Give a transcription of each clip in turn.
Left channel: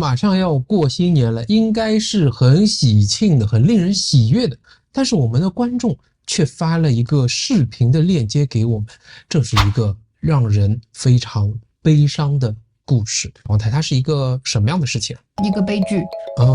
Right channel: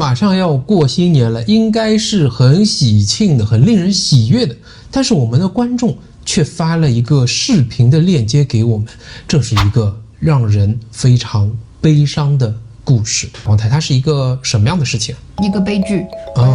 马上要过新年了，应该是很喜庆的，很令人喜悦的。但是我们的观众却发了一个视频的链接给我们，这是一个让人非常悲伤的故事。王太，它是一个什么样的事情？一个悲剧。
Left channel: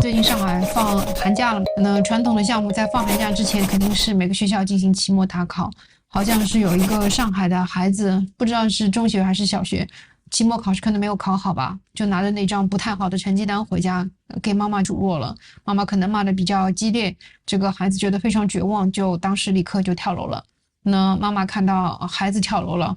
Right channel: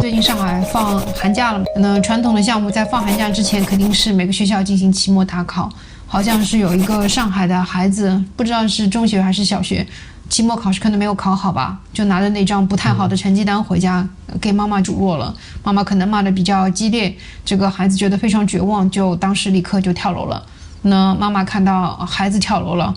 最近上海放寒假了，那传统的项目在放寒假之前肯定是每个学校进行期末大考。好像是有一个上海的孩子，不知道是中学还是小学，期末考试可能没有考好吧，就拿着那张不太好的成绩单回家给妈妈数落了。妈妈可能骂得比较激烈，这个孩子觉得非常绝望，就当时立刻就跳楼了。那妈妈看到孩子跳楼了，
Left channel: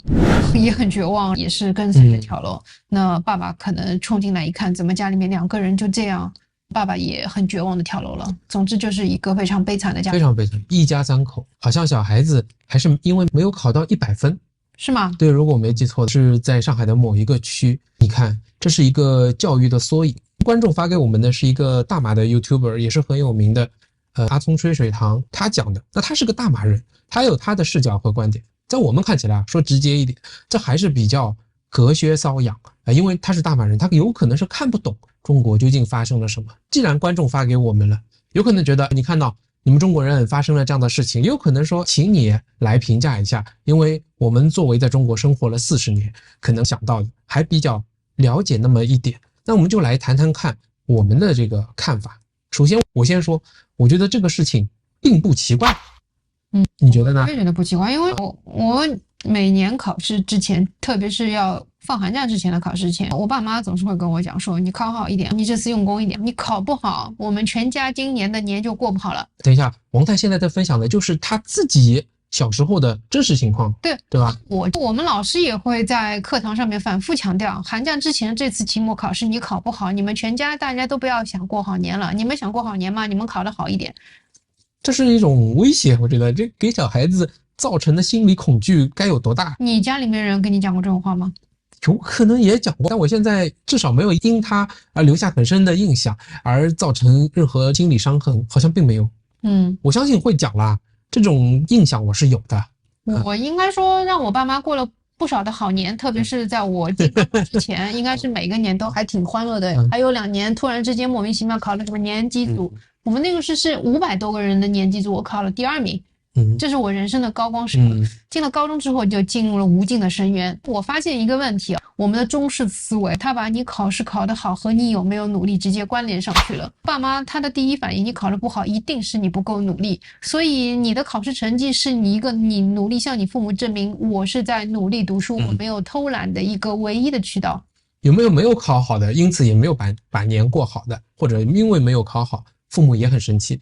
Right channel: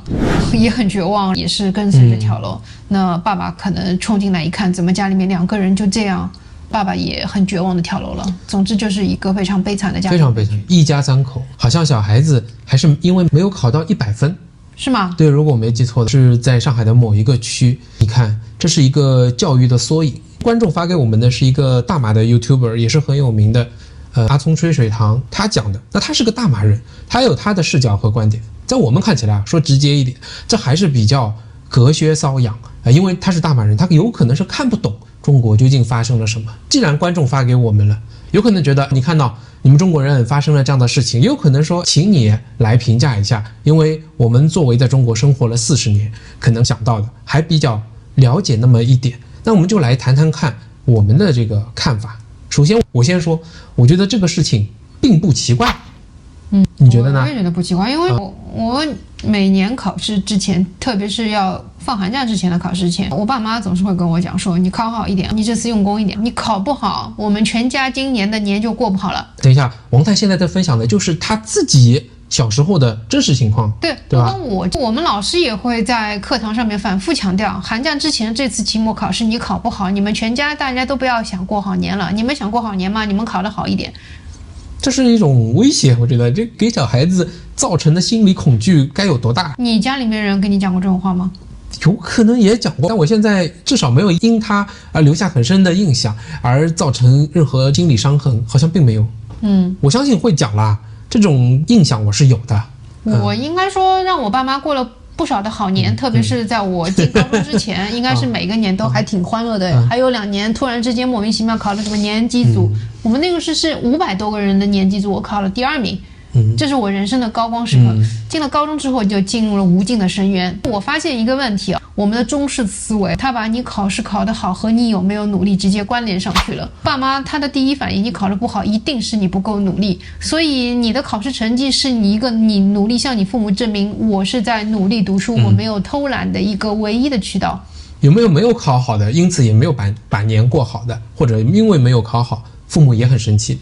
也很绝望，也是跟随着跳楼。那爸爸可能冲进来一看，怎么家里面2个人就这样，爸爸也很绝望的跳楼了。总之就是一个非常悲惨的家庭，非常悲惨，一家3口。好像小孩子还是因为没有考到100分，是吗？对，如果我没记错的是在上海的某一个区。你看，这是一个教育的缩影。观众发给我们的是一个大马的 YouTuber， 也是很有名的，阿聪吹水堂，他讲的。那他是个大马人，他有他的视角和观点。在我们看起来啊，说直接一点，这还是比较隔靴搔痒因为他是大马人，他有可能是看不懂中国究竟发生了什么。既然观众发给我们了，有可能觉得你看到你们中国人发生了这样的事情，也有可能说请你来评价一下，因为我们作为在中国生活了40年，可能想到的还比较了解那么一点。那我们就来谈谈看我们的这个看法。首先我先说，我觉得这个事情并不奇怪。你觉得呢？我也觉得不奇怪，因为我每年考试之前，特别是要放寒假之前的考试前，我爸妈总是会跟我讲说，你考好一点，你这次用功一点，你考不好，我们全家今年的年就过不好了。等一下，王太现在在分享的就是他自己小时候的真实情况，对吧？我们老师也会在课堂上面反复强调，寒假之前这次期末考试你考不好，你们全家大家都不要想过好年了，你们想过好年吗？你们考得好一点。这是一种威胁，我觉得这给小孩子造成的心理恐惧该有多大？你家里面人跟你讲过这种话吗？有可能也讲过，但我现在至少没有因他而留下很深的印象，而造成任何心理伤痕，好像并没有。我相信会讲啦，这种印象我是有的。我应该说让我爸妈过了不少的好年，特别是在我进高中之前，应该是每个年都还挺欢乐的。还有2年突然之间莫名其妙考了什么年级组，我们那个是500多个人的年级组，我考了第2名。这是我人生的高光时刻。进了高中之后就进入了无尽的深渊。我发现一个问题，我们的中式思维，他把你考试考得好和你有没有努力直接关联上去了。爸妈他的第一反应，你考得不好一定是你不够努力，所以你的考试成绩是你努力向你父母证明我是在努力读书，我没有偷懒的一个唯一的渠道。有没有考好的，因此也没有把年过好的，或者因为没有考好，父母也很生气。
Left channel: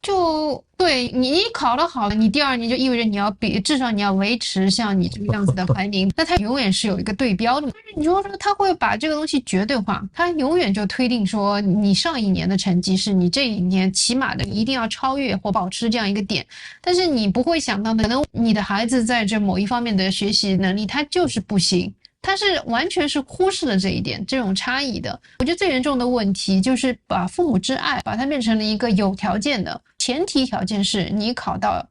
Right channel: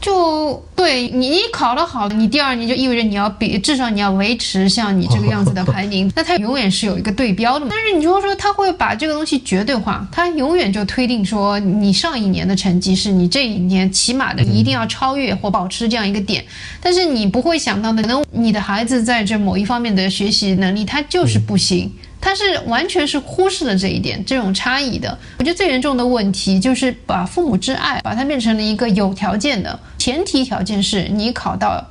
就对你考得好，你第2年就意味着你要至少你要维持像你这个样子的排名，那它永远是有一个对标的嘛。但是你就说他会把这个东西绝对化，他永远就推定说你上一年的成绩是你这一年起码的一定要超越或保持这样一个点，但是你不会想到的，可能你的孩子在这某一方面的学习能力他就是不行。他是完全是忽视了这一点，这种差异的。我觉得最严重的问题就是把父母之爱把它变成了一个有条件的，前提条件是你考到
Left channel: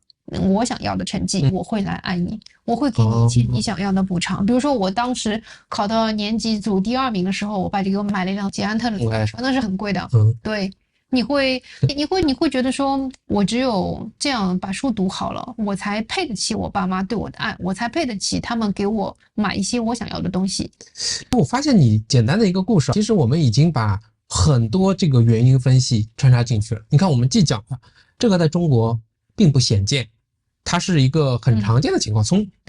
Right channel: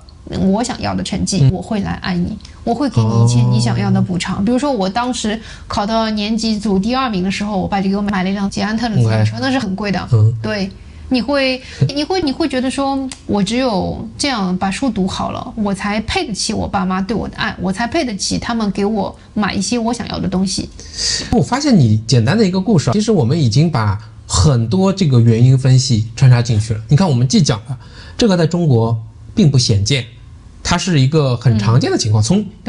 我想要的成绩，我会来爱你，我会给你一切你想要的补偿。比如说我当时考到年级组第2名的时候，我爸就给我买了一辆捷安特的自行车，那是很贵的。对。你会觉得说，我只有这样把书读好了，我才配得起我爸妈对我的爱，我才配得起他们给我买一些我想要的东西。我发现你简单的一个故事，其实我们已经把很多这个原因分析穿插进去了。你看，我们既讲了这个在中国并不鲜见，它是一个很常见的情况。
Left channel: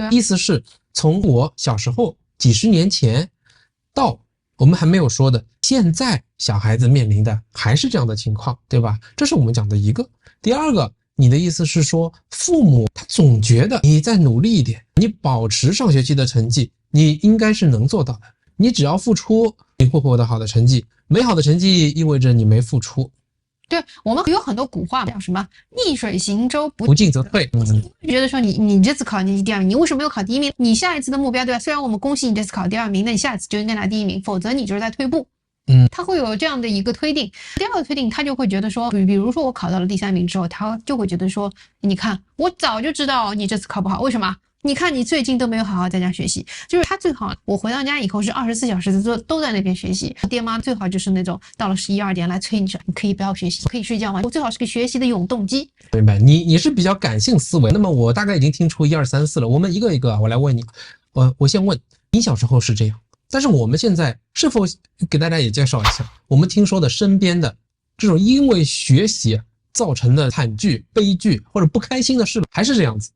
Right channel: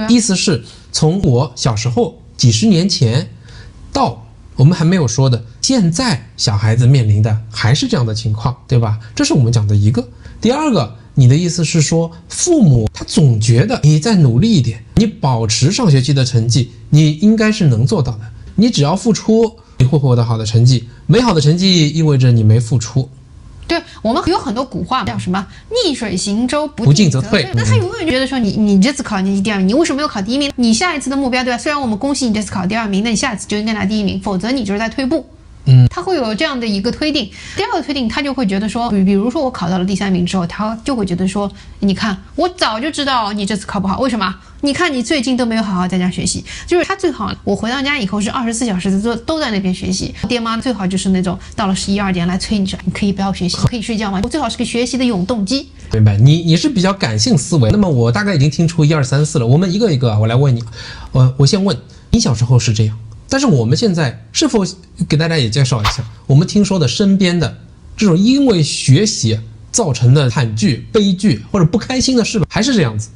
意思是从我小时候几十年前到我们还没有说的，现在小孩子面临的还是这样的情况，对吧？这是我们讲的一个。第二个，你的意思是说，父母他总觉得你再努力一点，你保持上学期的成绩，你应该是能做到的。你只要付出，你会获得好的成绩。没好的成绩意味着你没付出。对，我们有很多古话叫什么逆水行舟，不进则退。那他永远觉得说你这次考年级第2名，你为什么没有考第1名？你下一次的目标，对吧？虽然我们恭喜你这次考第2名，那你下一次就应该拿第1名，否则你就是在退步。他会有这样的一个推定。第二个推定，他就会觉得说，比如说我考到了第3名之后，他就会觉得说，你看我早就知道你这次考不好，为什么？你看你最近都没有好好在家学习，就是他最好我回到家以后是24小时都在那边学习。爹妈最好就是那种到了11、12点来催你说，你可以不要学习，可以睡觉吗？我最好是个学习的永动机。明白，你是比较感性思维。那么我大概已经听出1、2、3、4了，我们一个一个我来问你。我先问你，小时候是这样，但是我们现在是否给大家也介绍一下我们听说的身边的这种因为学习造成的惨剧、悲剧或者不开心的事，还是这样子？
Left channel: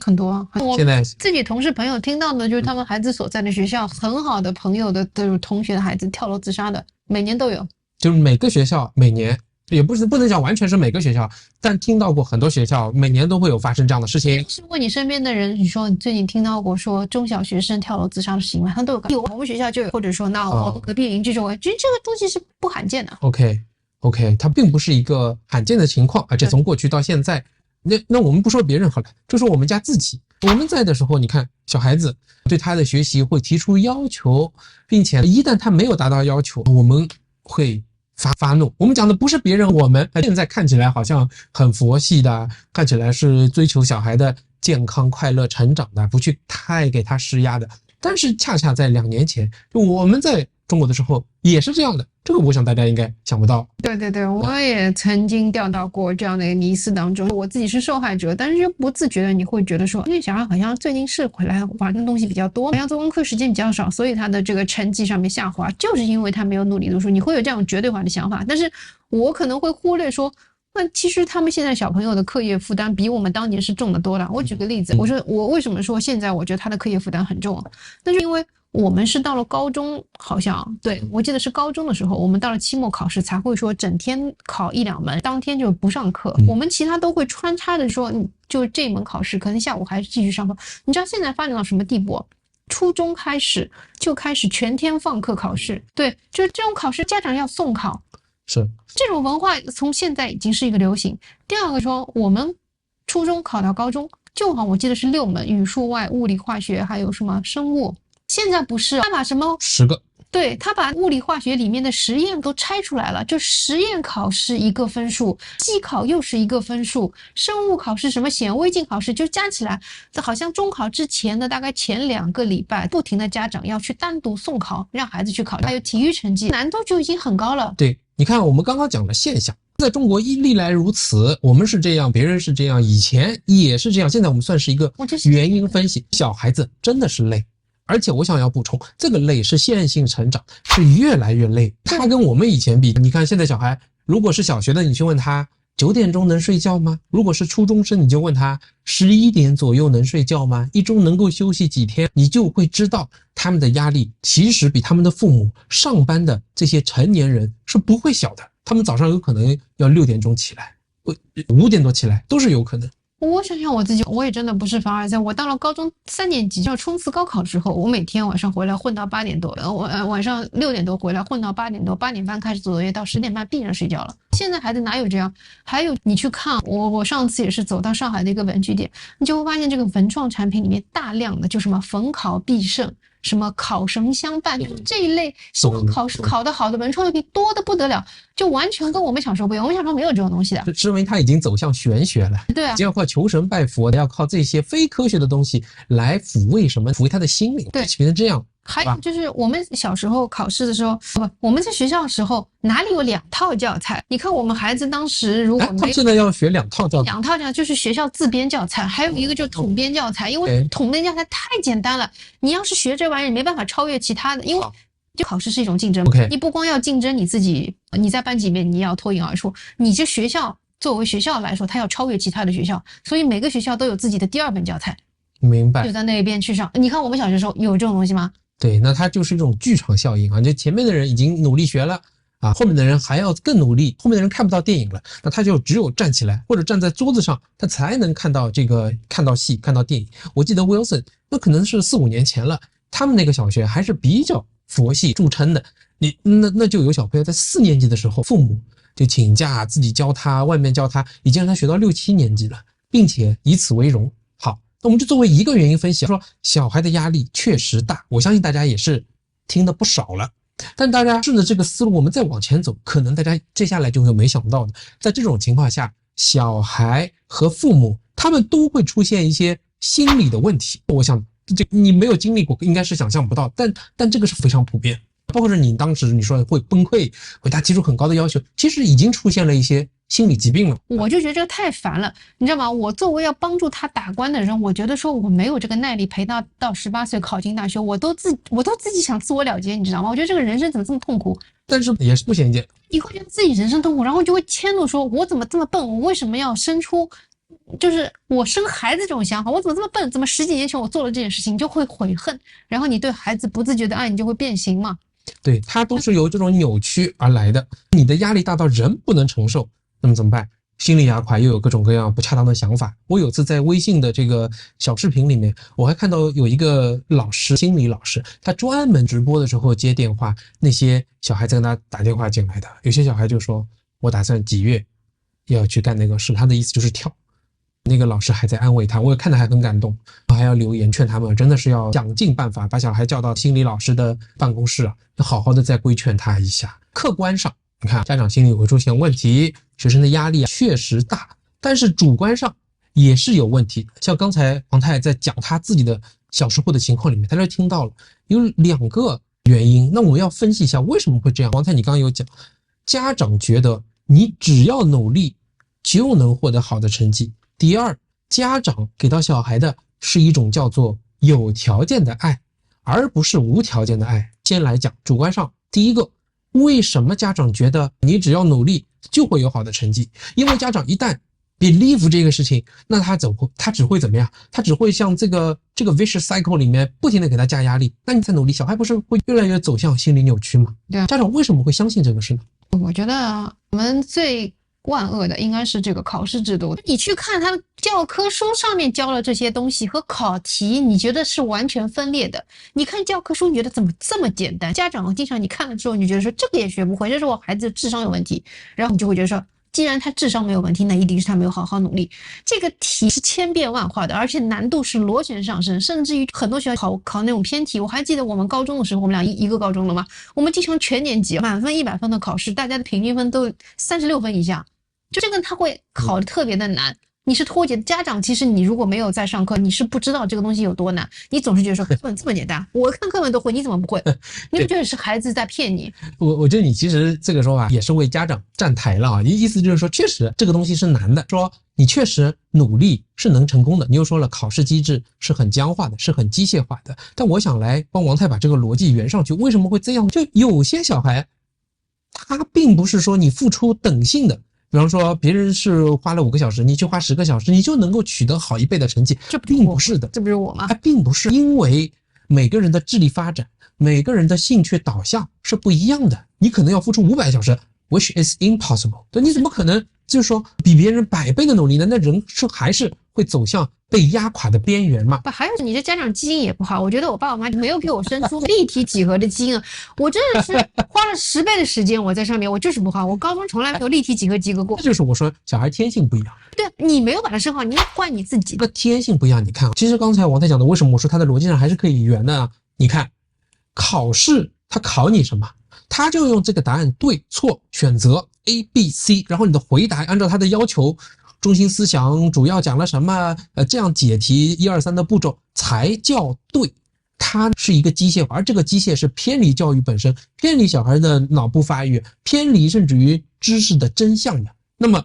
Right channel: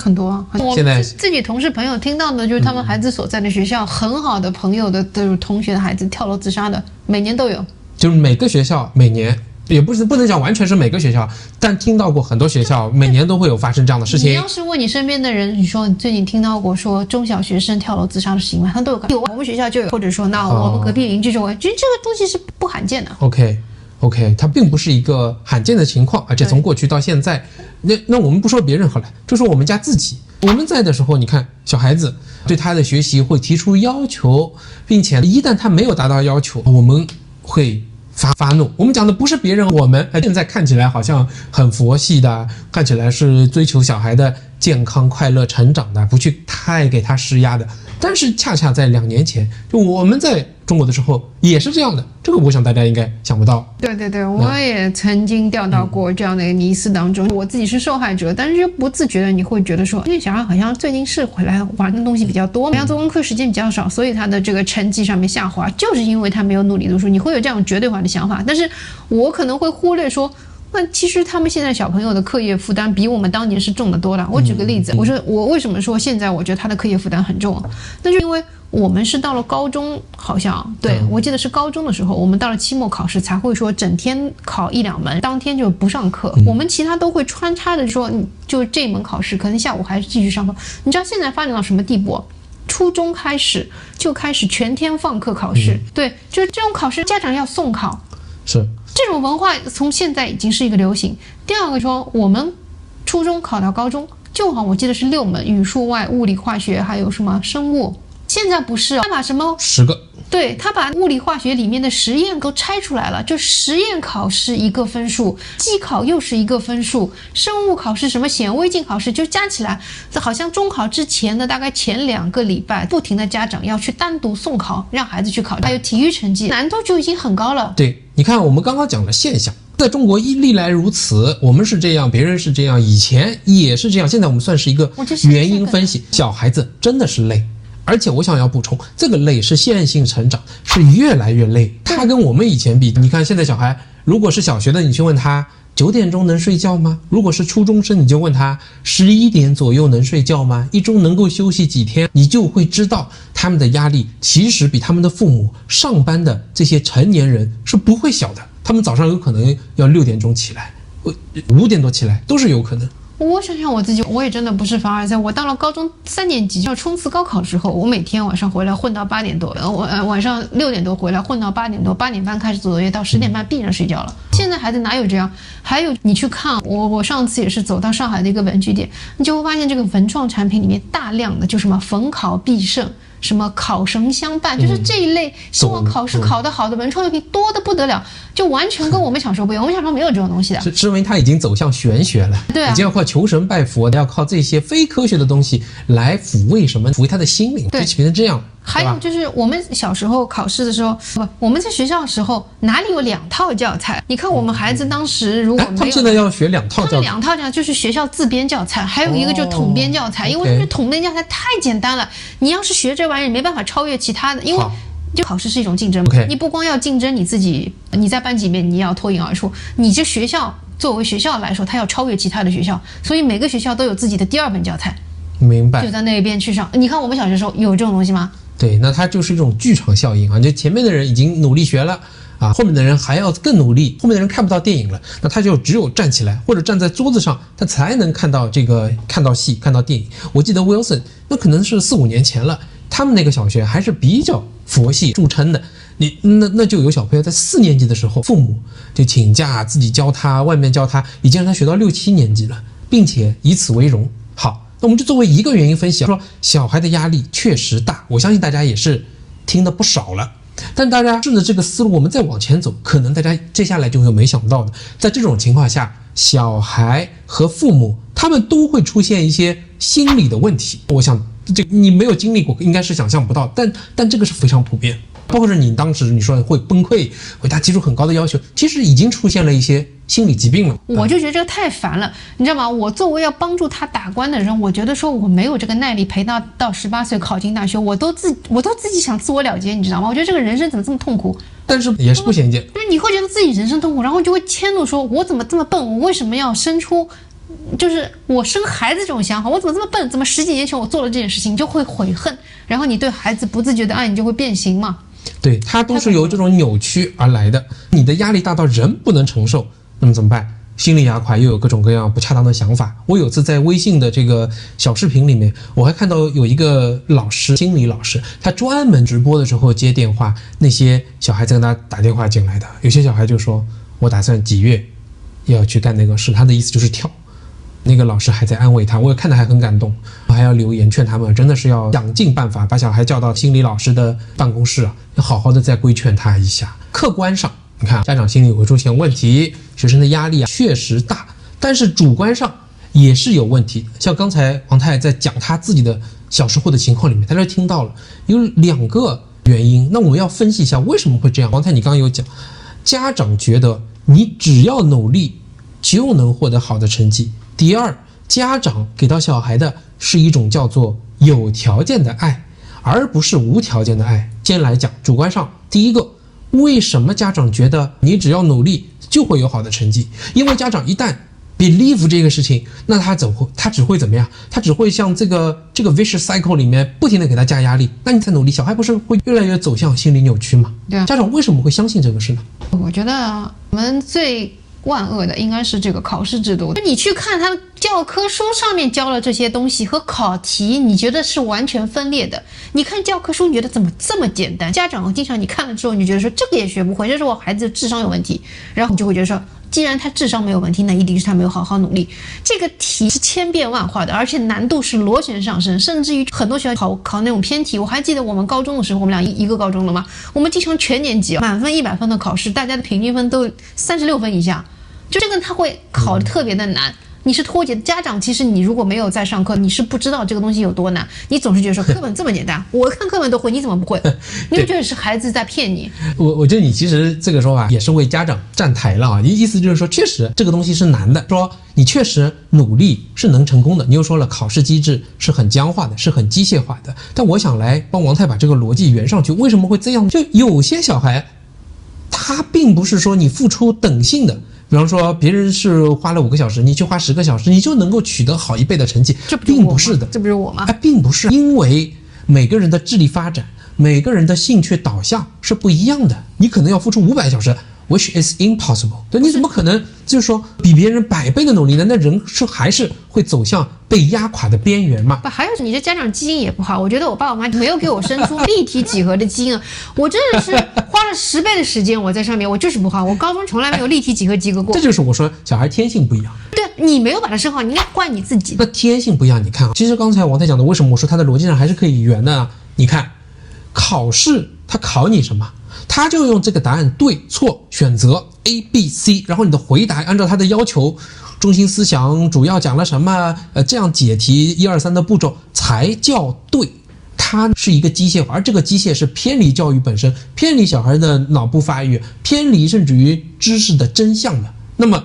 很多啊。现在自己同事朋友听到的就是他们孩子所在的学校，很好的朋友的同学的孩子跳楼自杀的，每年都有。就是每个学校每年。也不能讲完全是每个学校，但听到过很多学校每年都会有发生这样的事情。你要是问你身边的人，你说你最近听到过说中小学生跳楼自杀的行为，他都有我们学校就有，或者说那我们隔壁邻居就有，其实这个东西是不罕见的。OK， 它并不是一个罕见的情况，而且从过去到现在，那我们不说别人好了，就说我们家自己，我们在的时候，你看小孩子对他的学习会提出要求，并且一旦他没有达到要求，我们会发怒。我们讲的不是别人，我们现在看起来好像很佛系的，看起来是追求小孩的健康快乐成长的，不去太给他施压的。但是恰恰在2年前，就我们在中国的时候也是这样的，这个我想大家应该想不到。对，我也曾经掉到过这样的一个迷思当中，我自己是受害者，但是就不自觉的你会觉得说，那小孩好像最近是回来玩的东西比较多，好像做功课时间比较少，所以他的这个成绩上面下滑，就是因为他没有努力读书，你会有这样绝对化的想法。但是我可能会忽略说，那其实他们现在小朋友的课业负担比我们当年是重得多了。我举个例子，我说我为什么说现在我觉得他的课业负担很重，那就因为我们是到了高中，好像对我记得是高中的时候，我们到了期末考试才会说整天考1、2门，当天就不上课，我们其他都会穿插着说，就这门考试可能下午还是继续上课。你知道现在发展到什么地步？初中开始就开始全天放课考试，对，就是这种考试家长要送考，是这种文化从现在已经是一个流行。第二个说，我们初中考到高中，就好我记得是6门，语数外、物理、化学，还有什么生物。现在不是啊，他把什么10个，对，他把物理化学里面的实验都拆出来了，就实验考试1个分数，机考又是1个分数，生物考试什么显微镜考试就加起来，这好像中考之前的大概前2个礼拜，不停的家长要去单独送考，让孩子去考，还有体育成绩难度就已经很高了。对，你看我们刚刚讲的现象，在中国历来如此，我们是这样，别人是这样，以前也是这样，现在我们算是一个原因分析。小孩子真的是累。而且我想要补充，这个累是线性成长，是越来越累。他跟我们以前比，你看现在小孩，如果是小学的，你去问他9点钟能睡觉吗？如果是初中生，你就问他11点左右能睡觉吗？一周能够休息几天？你就会知道他们的压力其实比他们的父母上班的这些成年人是不会小的。他们早上有可能要6点钟起来，5点多起来都是有可能。我想想我自己，我也真的不是凡尔赛。我到了高中3年级要冲刺高考之后，我每天晚上回来混到8点多，晚上6点多回来混到8点多，8点半开始做作业，到10点半必然睡觉了。现在孩子哪有这样？还有你去看我上次也是走到上海的一个文具店，你就会发现这个文创产品里面大量的就什么逢考必胜。什么考神相伴，就是这一类希望考试考得好的文创用品多得不得了，就完全跟我们小时候不一样。我们小时候没有这种东西的，是因为它已经走向玄学了，对啊，已经要靠求神拜佛，要靠这些非科学的东西来抚慰他的心灵，就变成这样。还有就是我们小时候考试的时候，我们在学校的时候哪里有2套教材？你看我们孩子当时如果没有，现在要学2套教材，2套教材就是学校自编教材，还有一个就是统编教材，因为统编教材太简单了，你要是学这玩意儿没办法超越其他的，因为就考试是一种竞争，你不光要竞争你自己，你在班级里面你要脱颖而出，你这学校作为学校来说，它要超越其他的学校，所以每个学校都有自己的第2本教材。明白，就在那边去上。你看我们小学的时候有这种东西吗？对，那它就是一种剧场效应啊！就前面的人已经努力学了啊，后面的人还要更努力，后面的人看不到电影了，那他就只有站起来或者站在桌子上，他才能看到看到戏，看到电影。我记得 Wilson 那可能是4、5年前了，他们那个小学还是比较佛系著称的。那就有小朋友在4年级的时候，父母就请假自己教他，外面教他，已经让他学到6、7年级了，并且以此为荣。好。那我们就作为一个原因分析，说小孩的压力确实大，我相信大家也是听得不少了。但大家顺着这个思路，我们再往前走，可能大家接下来就会没想到的，在这种情况下，小孩和父母他们都会出现一些心理的问题。我想这你没有经历过，应该是想象不到，但这个是非常普遍。包括是你当时你说会崩溃，为他提出很高的要求，其实已经出现了一些心理疾病了。我就觉得这个太烦了，你知道吗？我作为要帮助他打官的人，我觉得说我没有这个耐力陪他到18岁考进大学，我都自己想自我了结，你知道吗？我觉得这个人生怎么这么痛苦？但是也是不简简，就是你会觉得自己人生痛苦，然后就会迁怒说，我怎么这么笨？我为什么要生出？就是我生孩子这种想法，我怎么这么笨？怎么10几年前我做了这件事情，就会悔恨，然后你对孩子不自觉的爱，你就会变形嘛。对，它都是由这种扭曲而来的。你的压力大到人不能承受，那么怎么办？心里压垮，又有各种各样不恰当的想法。我有次在微信的这个小视频里面，我还看到有一个老师，心理老师，他专门直播的时候接电话，那些小孩在跟他打电话进来的，有些小孩就说，我打算几月要去干那个事，他的意思就是跳。那个老师还在安慰他，我也看得还很感动，还要留言劝他们，真的是要想尽办法把小孩叫到心理老师的办公室啊，要好好的再规劝他一下。客观上，你看家长心理会出现问题，学生的压力确实大，但是主观上也是有问题。像刚才王太在讲他自己的小时候的情况里面，大家听到了有2个原因，那我们要分析一下为什么会这样。王太你刚刚有讲，家长觉得你只要努力就能获得好的成绩。第二，家长给到小孩的是一种叫做有条件的爱，而不是无条件的爱。先来讲主观上，第一个，为什么家长觉得你只要努力就会有好的成绩？因为家长一旦 believe 这个事情，那他只会怎么样？他只会像这个 vicious cycle 里面不停的给他加压力。那你再努力，小孩不是会越来越走向心理扭曲吗？对啊，家长为什么会相信这个事呢？我觉得我们最万恶的应该是这个考试制度。你去看他教科书上面教了这些东西和考题，你觉得是完全分裂的。你看教科书，你觉得怎么这么简单？家长经常你看了之后，你就觉得说这个也学不会，这是我孩子智商有问题，然后你就会觉得说，既然他智商没有问题，那一定是他没有好好努力。这个题是千变万化的，而且难度是螺旋上升，甚至于很多学校考那种偏题。我还记得我们高中的时候，我们俩一个高中了嘛，我们经常全年级满分100分的考试，大家的平均分都36分以下。就这个他会考得特别的难，你是脱节。家长其实你如果没有在上课，你是不知道这个东西有多难，你总是觉得说课本这么简单，我看课本都会，你怎么不会？你就觉得是孩子在骗你。我觉得你其实这个说法也是为家长站台了啊，意思就是说确实这个东西是难的，说你确实努力是能成功的。你又说了考试机制是很僵化的，是很机械化的，但我想来帮王太把这个逻辑圆上去，为什么会这样？就有些小孩他并不是说你付出等性的，比方说别人是花了5个小时，你去花10个小时，你就能够取得好1倍的成绩，这并不是的。这不是我吗？并不是，因为每个人的智力发展，每个人的兴趣导向是不一样的。你可能要付出500小时 ，which is impossible。对，你怎么可能就是说比别人100倍的努力呢？那人是还是会走向被压垮的边缘嘛？还有你的家长基因也不好，我觉得我爸我妈没有给我生出立体几何的基因，我真的是花了10倍的时间我在上面，我就是不好，我高中从来没有立体几何及格过。这就是我说小孩天性不一样。对，你没有把它生好，你应该怪你自己。那天性不一样，你看，其实刚才王太讲的，为什么我说他的逻辑上还是可以圆的啊？你看，考试他考你什么？他就用这个答案对错选择 A、B、C， 然后你的回答按照他的要求，中心思想主要讲了什么，这样解题1、2、3的步骤才叫对。它是一个机械化，而这个机械是偏离教育本身，偏离小孩的脑部发育，偏离甚至于知识的真相的。那么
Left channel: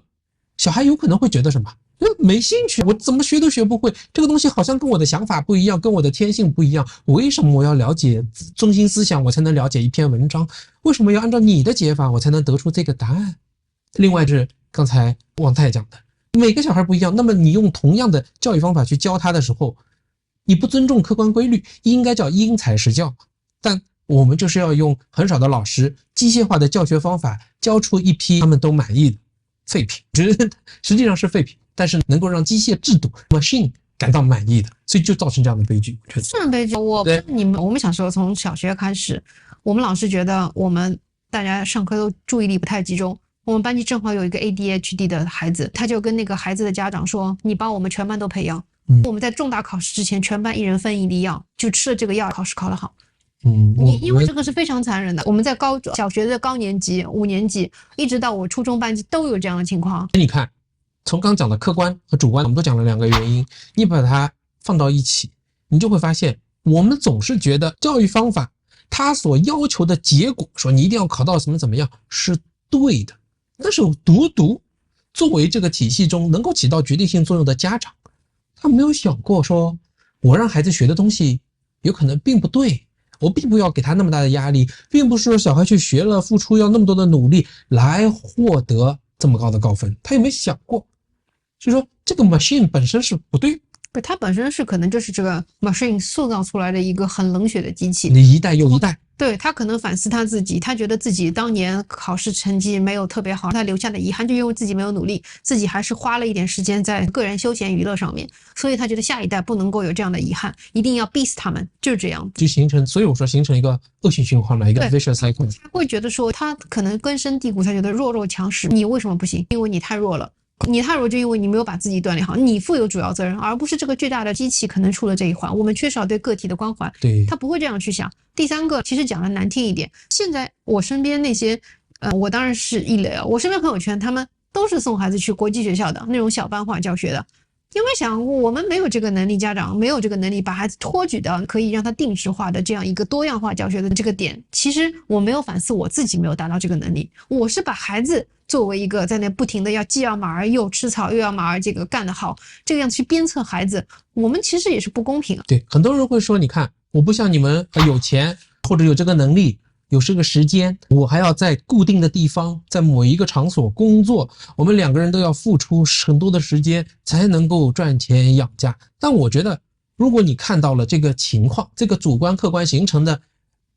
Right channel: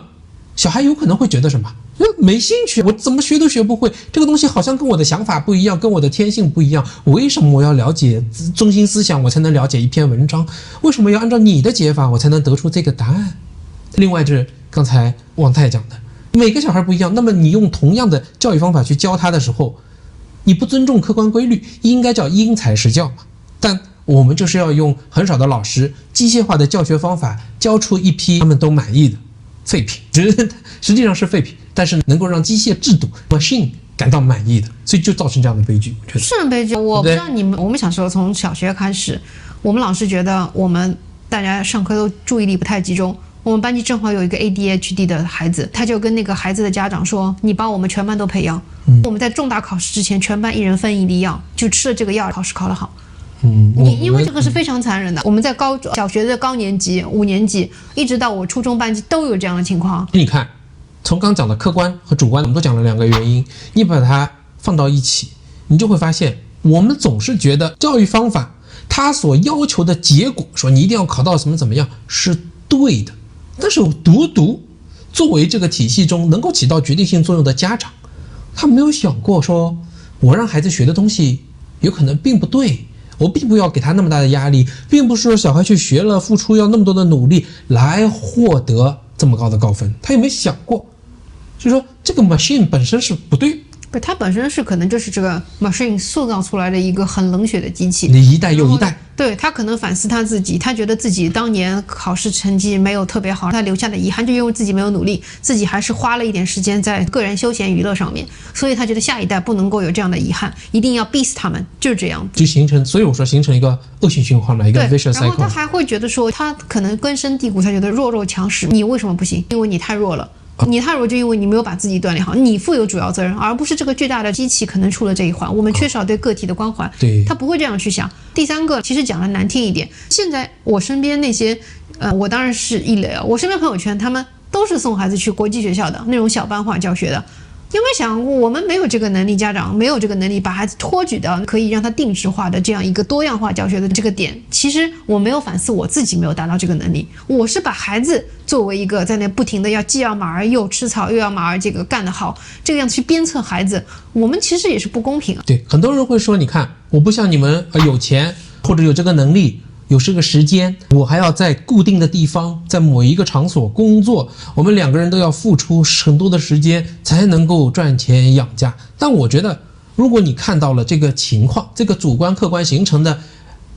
小孩有可能会觉得什么？没兴趣，我怎么学都学不会，这个东西好像跟我的想法不一样，跟我的天性不一样，为什么我要了解中心思想我才能了解一篇文章？为什么要按照你的解法我才能得出这个答案？另外是刚才王太讲的，每个小孩不一样，那么你用同样的教育方法去教他的时候，你不尊重客观规律，应该叫因材施教嘛。但我们就是要用很少的老师机械化的教学方法教出一批他们都满意的废品，实际上是废品，但是能够让机械制度 machine 感到满意的，所以就造成这样的悲剧。我觉得是悲剧。我不知道你们，我们小时候从小学开始，我们老师觉得我们大家上课都注意力不太集中。我们班级正好有一个 ADHD 的孩子，他就跟那个孩子的家长说：“你把我们全班都培养，我们在重大考试之前，全班1人分1粒药，就吃了这个药，考试考得好。”因为这个是非常残忍的。我们在小学的高年级、5年级，一直到我初中班级都有这样的情况。你看，从刚讲的客观和主观，我们都讲了2个原因，你把它放到一起，你就会发现，我们总是觉得教育方法它所要求的结果，说你一定要考到什么怎么样，是对的。但是独独作为这个体系中能够起到决定性作用的家长，他没有想过说，我让孩子学的东西有可能并不对。我并不要给他那么大的压力，并不是说小孩去学了付出要那么多的努力来获得这么高的高分，他有没有想过？所以说这个 machine 本身是不对，它本身是可能就是这个 machine 塑造出来的一个很冷血的机器，你一代又一代。对，他可能反思他自己，他觉得自己当年考试成绩没有特别好，他留下的遗憾就因为自己没有努力，自己还是花了一点时间在个人休闲娱乐上面，所以他觉得下一代不能够有这样的遗憾，一定要逼死他们，就是这样，就形成，所以我说形成一个恶性循环了，一个 vicious cycle。然后他还会觉得说，他可能根深蒂固，他觉得弱肉强食，你为什么不行？因为你太弱了。你太弱就因为你没有把自己锻炼好，你负有主要责任，而不是这个巨大的机器可能出了这一环，我们缺少对个体的关怀。对，他不会这样去想。第三个，其实讲的难听一点，现在我身边那些，我当然是一类，我身边朋友圈他们都是送孩子去国际学校的那种小班化教学的。有没有想过，我们没有这个能力，家长没有这个能力把孩子托举到可以让他定制化的这样一个多样化教学的这个点？其实我没有反思我自己没有达到这个能力，我是把孩子作为一个在那不停的既要马儿又吃草，又要马儿这个干得好，这个样子去鞭策孩子，我们其实也是不公平啊。对，很多人会说，你看我不像你们有钱或者有这个能力。有这个时间，我还要在固定的地方，在某一个场所工作，我们2个人都要付出很多的时间才能够赚钱养家。但我觉得，如果你看到了这个情况，这个主观客观形成的，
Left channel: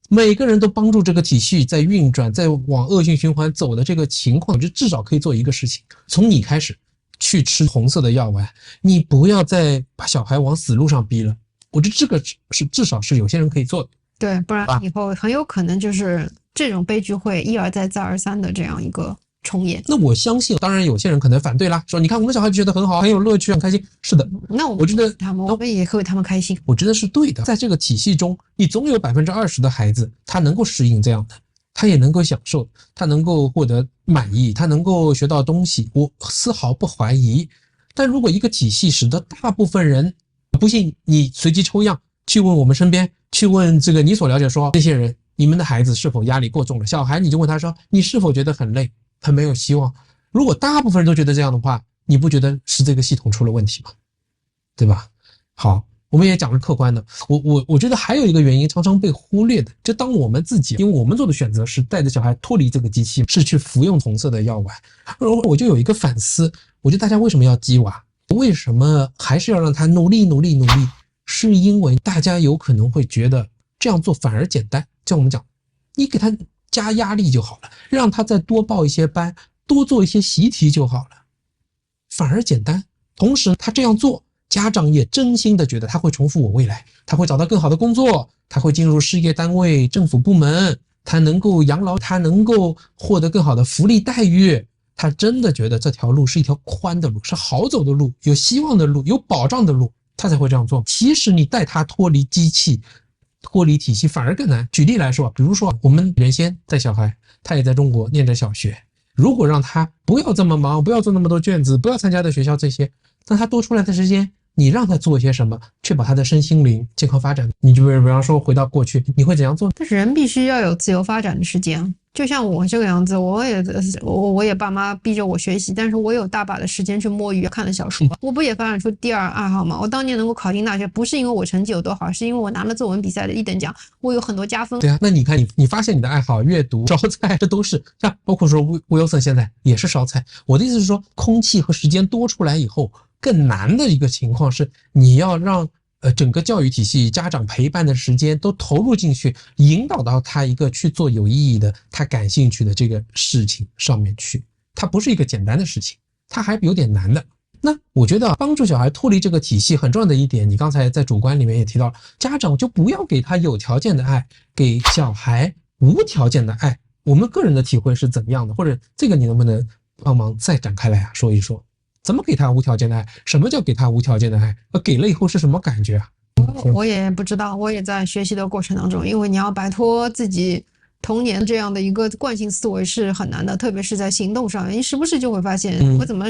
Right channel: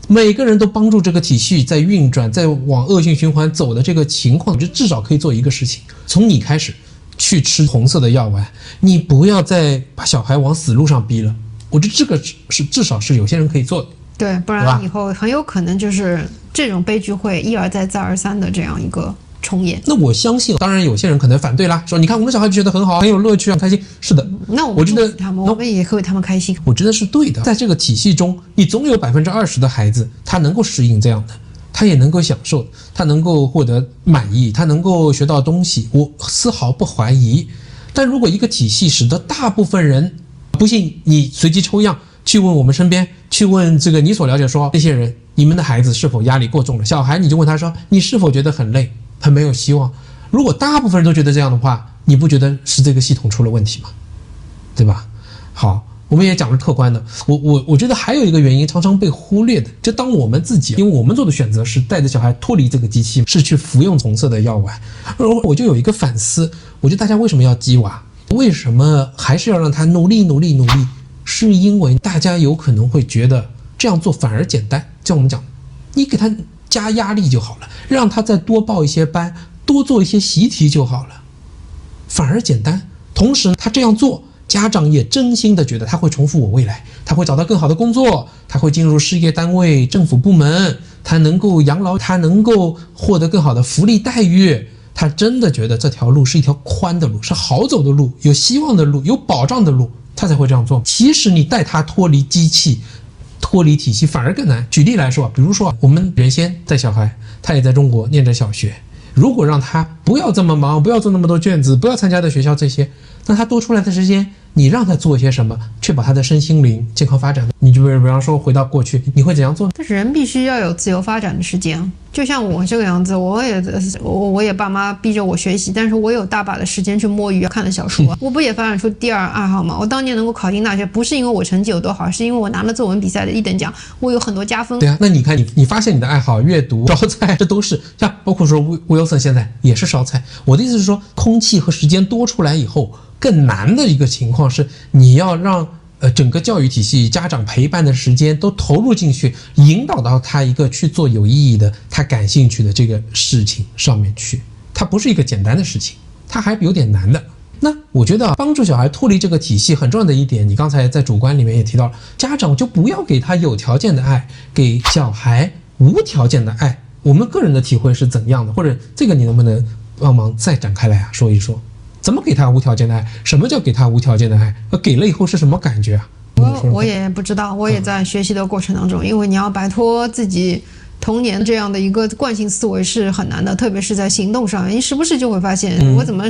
每个人都帮助这个体系在运转，在往恶性循环走的这个情况，就至少可以做一个事情，从你开始去吃红色的药丸，你不要再把小孩往死路上逼了。我觉得这个是至少是有些人可以做的。对，不然以后很有可能就是这种悲剧会一而再再而三的这样一个重演。那我相信，当然有些人可能反对啦，说你看我们小孩觉得很好，很有乐趣，很开心。是的，那我觉得我们也会为他们开心。我觉得是对的，在这个体系中，你总有20%的孩子他能够适应这样的，他也能够享受，他能够获得满意，他能够学到东西，我丝毫不怀疑。但如果一个体系使得大部分人，不信你随机抽样去问我们身边，去问这个你所了解说那些人，你们的孩子是否压力过重了？小孩你就问他说，你是否觉得很累，很没有希望？如果大部分人都觉得这样的话，你不觉得是这个系统出了问题吗？对吧？好，我们也讲了客观的，我觉得还有一个原因常常被忽略的，就当我们自己，因为我们做的选择是带着小孩脱离这个机器，是去服用红色的药丸，而我就有一个反思，我觉得大家为什么要鸡娃？为什么还是要让他努力？是因为大家有可能会觉得这样做反而简单，像我们讲，你给他加压力就好了，让他再多报一些班，多做一些习题就好了，反而简单。同时他这样做，家长也真心的觉得他会重复我未来，他会找到更好的工作，他会进入事业单位、政府部门，他能够养老，他能够获得更好的福利待遇，他真的觉得这条路是一条宽的路，是好走的路，有希望的路，有保障的路，他才会这样做。其实你带他脱离机器，脱离体系反而更难。举例来说，比如说我们原先带小孩，他也在中国念着小学，如果让他不要这么忙，不要做那么多卷子，不要参加的学校这些，那他多出来的时间，你让他做些什么，确保他的身心灵健康发展？你就比方说回到过去，你会怎样做？但是人必须要有自由发展的时间。就像我这个样子，我也爸妈逼着我学习，但是我有大把的时间去摸鱼、看了小说。我不也发展出第二爱好吗？我当年能够考进大学，不是因为我成绩有多好，是因为我拿了作文比赛的1等奖，我有很多加分。对啊，那你看你发现你的爱好，阅读、烧菜，这都是像包括说Wilson现在也是烧菜。我的意思是说，空气和时间多出来以后，更难的一个情况是，你要让整个教育体系、家长陪伴的时间都投入进去，引导到他一个去做有意义的、他感兴趣的这个事情上面去。它不是一个简单的事情，它还有点难的。那我觉得帮助小孩脱离这个体系很重要的一点，你刚才在主观里面也提到了，家长就不要给他有条件的爱，给小孩无条件的爱。我们个人的体会是怎样的？或者这个你能不能帮忙再展开来说一说？怎么给他无条件的爱？什么叫给他无条件的爱？给了以后是什么感觉啊？我也不知道，我也在学习的过程当中，因为你要摆脱自己童年这样的一个惯性思维是很难的，特别是在行动上，你时不时就会发现，我怎么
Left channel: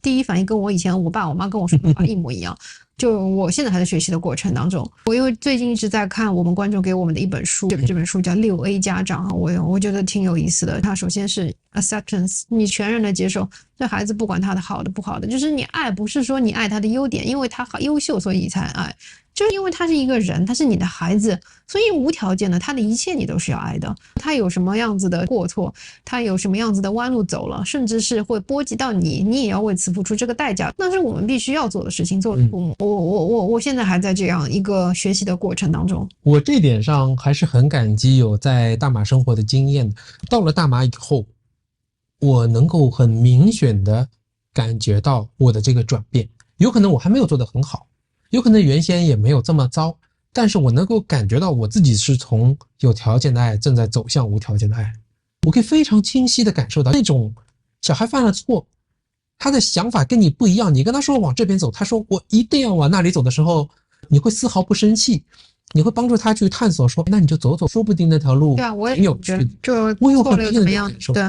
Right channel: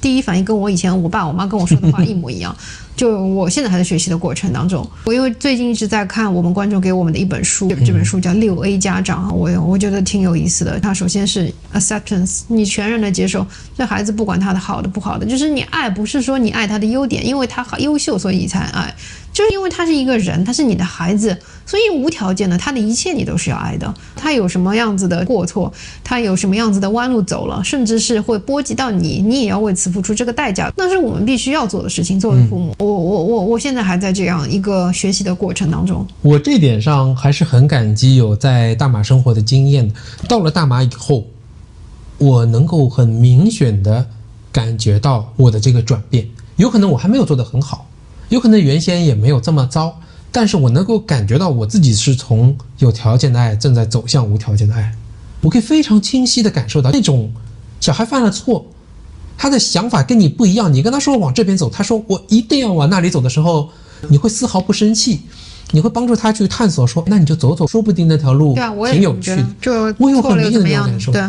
第一反应跟我以前我爸我妈跟我说的话一模一样。就我现在还在学习的过程当中，我因为最近一直在看我们观众给我们的一本书，这本书叫6A 家长，我觉得挺有意思的。它首先是 acceptance， 你全然的接受这孩子不管他的好的不好的，就是你爱不是说你爱他的优点，因为他好优秀所以你才爱，就是因为他是一个人，他是你的孩子，所以无条件的他的一切你都是要爱的。他有什么样子的过错，他有什么样子的弯路走了，甚至是会波及到你，你也要为此付出这个代价，那是我们必须要做的事情。作为父母，我现在还在这样一个学习的过程当中。我这点上还是很感激有在大马生活的经验。到了大马以后，我能够很明显的感觉到我的这个转变。有可能我还没有做得很好，有可能原先也没有这么糟，但是我能够感觉到我自己是从有条件的爱正在走向无条件的爱。我可以非常清晰的感受到那种小孩犯了错，他的想法跟你不一样，你跟他说往这边走，他说我一定要往那里走的时候，你会丝毫不生气，你会帮助他去探索，说那你就走走，说不定那条路挺有趣的。就错了又怎么样？对，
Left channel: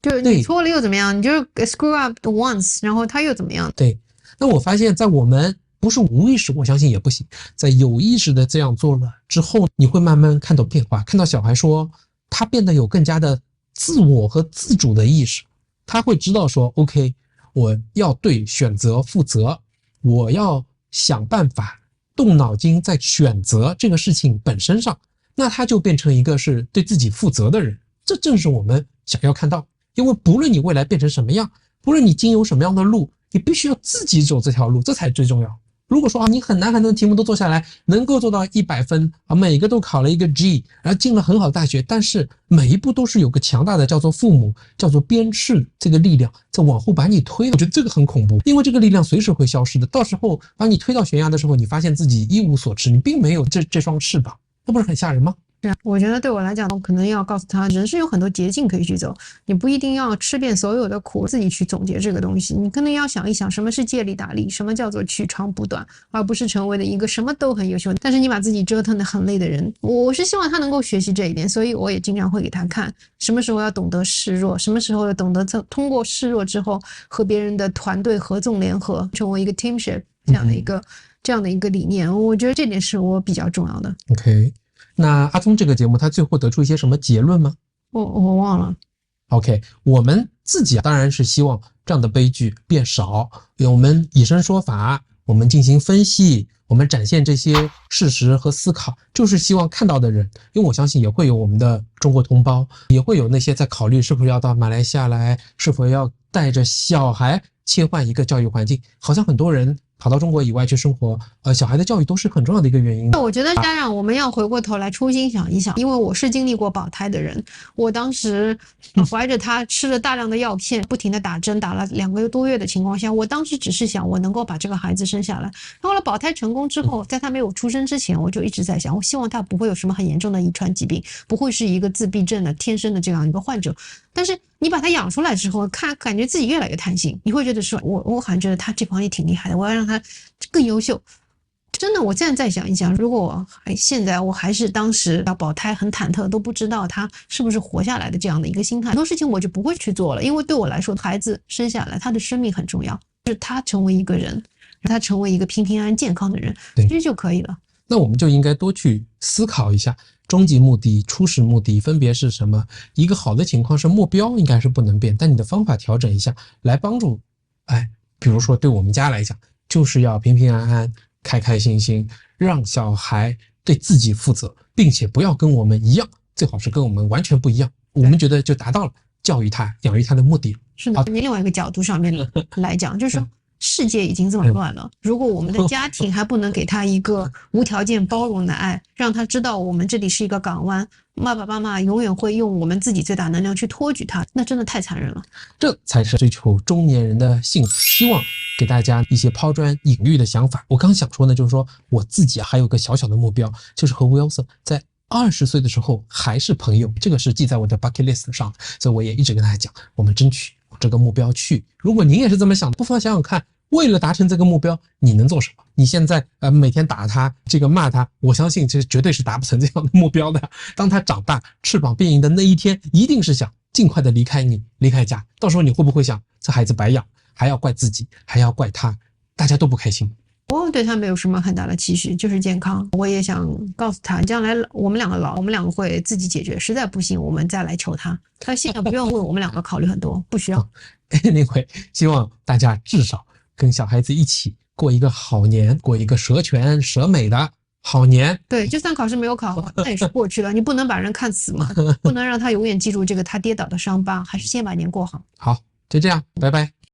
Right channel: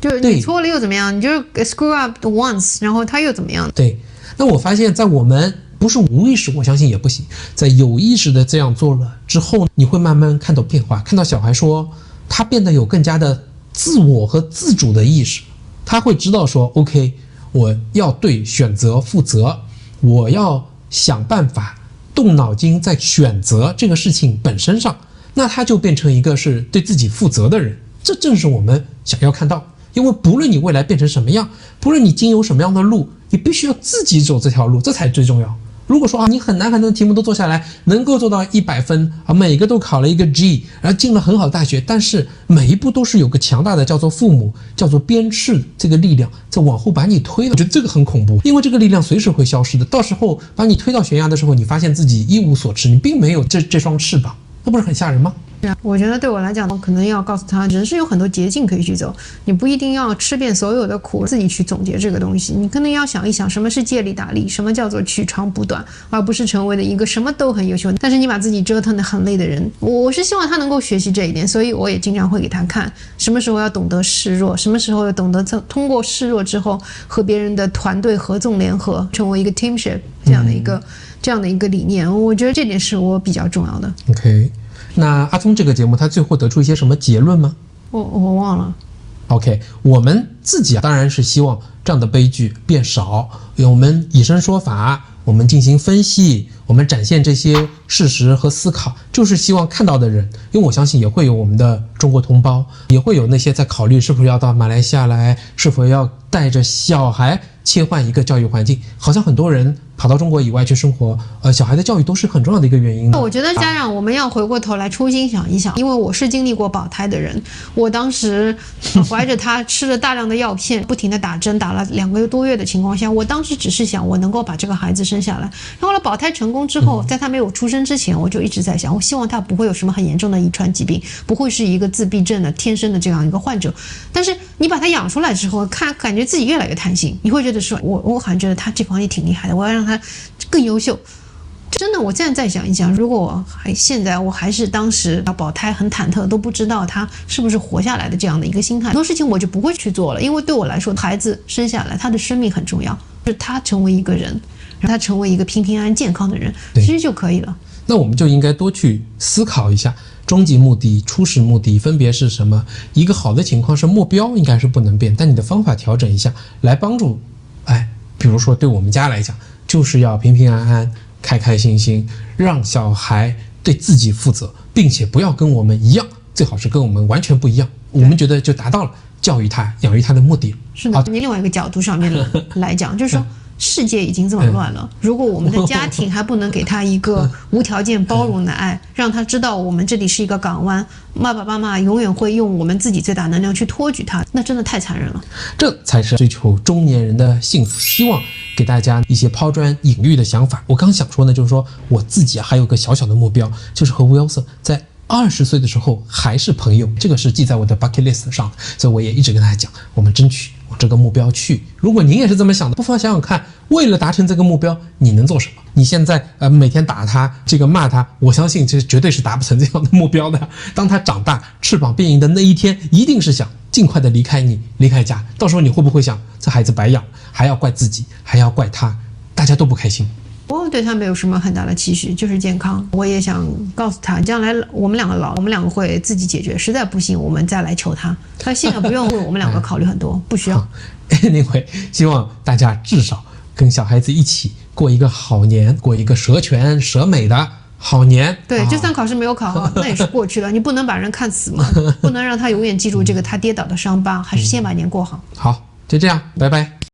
就是你错了又怎么样？你就 screw up once， 然后他又怎么样？对，那我发现在我们不是无意识，我相信也不行，在有意识的这样做了之后，你会慢慢看到变化，看到小孩说他变得有更加的自我和自主的意识，他会知道说 OK， 我要对选择负责，我要想办法动脑筋在选择这个事情本身上，那他就变成一个是对自己负责的人。这正是我们想要看到，因为不论你未来变成什么样，不论你经由什么样的路，你必须要自己走这条路，这才最重要。如果说你很难的题目都做下来，能够做到100分每个都考了一个 G， 然后进了很好的大学，但是每一步都是有个强大的叫做父母，叫做鞭笞这个力量在往后把你推的。我觉得这个很恐怖，因为这个力量随时会消失的，到时候把你推到悬崖的时候，你发现自己一无所知，你并没有这双翅膀，那不是很吓人吗？我觉得对我来讲，可能要告诉他，人是有很多捷径可以去走，你不一定要吃遍所有的苦，自己去总结这个东西。你可能要想一想，什么是借力打力，什么叫做取长补短，而不是成为了一个什么都很优秀，但是你把自己折腾得很累的人。我是希望他能够学习这一点，所以我也经常会给他看，什么时候要懂得示弱，什么时候要懂得通过示弱之后和别人的团队合纵联合，成为一个 teamship 这样的一个理念。我觉得这点是我比较重要的。OK。那阿聪这个节目他最后得出一些什么结论吗？我忘了。OK， 我们自己当然是希望这样的悲剧变少，我们以身说法，我们进行分析，我们展现这些事实和思考，就是希望看到的人，因为我相信也会有我们的中国同胞，也会有那些在考虑是否要到马来西亚来，是否要带着小孩切换一个教育环境，好像很多人跑到中国以外去生活，小孩的教育都是很重要的一个原因。我觉得家长我们要回过头来初心想一想，因为我是经历过保胎的人，我当时怀着他吃了大量的药片，不停的打针，打了2个多月的情况下，我当时只是想我能够把这个孩子生下来。然后呢，保胎成功之后，在他没有出生之前，我就一直在想，我希望他不会有什么很严重的遗传疾病，不会是一个自闭症的天生的这样一个患者。但是你把他养出来之后，感觉自己越来越贪心，你会觉得说我好像觉得他这方面挺厉害的，我要让他更优秀。真的，我现在再想一想，如果我还是当时要保胎很忐忑，都不知道他是不是活下来的这样的一个心态，很多事情我就不会去做了。因为对我来说，孩子生下来他的生命很重要，是他成为一个人，让他成为一个平平安安健康的人，其实就可以了。那我们就应该多去思考一下终极目的、初始目的分别是什么。一个好的情况是目标应该是不能变，但你的方法调整一下，来帮助比如说对我们家来讲，就是要平平安安、开开心心，让小孩对自己负责，并且不要跟我们一样，最好是跟我们完全不一样，我们觉得就达到了教育他、养育他的目的。是的，另外一个角度上面来讲，就是说世界已经这么乱了，如果我们的家庭还不能给他一个无条件包容的爱，让他知道我们这里是一个港湾，爸爸妈妈永远会用我们自己最大能量去托举他，那真的太残忍了。这才是追求中年人的幸福。希望给大家一些抛砖引玉的想法。我刚想说呢，就是说我自己还有个小小的目标，就是和 Wilson 在20岁的时候还是朋友，这个是记在我的 bucket list 上的，所以我也一直跟大家讲，我们争取往这个目标去。如果您也是这么想的，不妨想想看，为了达成这个目标，你能做什么？你现在每天打他，这个骂他，我相信这绝对是达不成这样的目标的。当他长大，翅膀变硬的那一天，一定是想尽快的离开你，离开家。到时候你会不会想，这孩子白养，还要怪自己，还要怪他，大家都不开心。我对他没有什么很大的期许，就是健康。我也想告诉他，将来我们两个老，我们两个会自己解决，实在不行我们再来求他。他现在不用为我们两个考虑很多，不需要。Anyway， 希望大家至少跟小孩子一起过一个好年，过一个蛇全蛇美的好年。对，就算考试没有考好，那也是过去了。你不能把人看死嘛，不能让他永远记住这个他跌倒的伤疤，还是先把年过好。好，就这样，拜拜。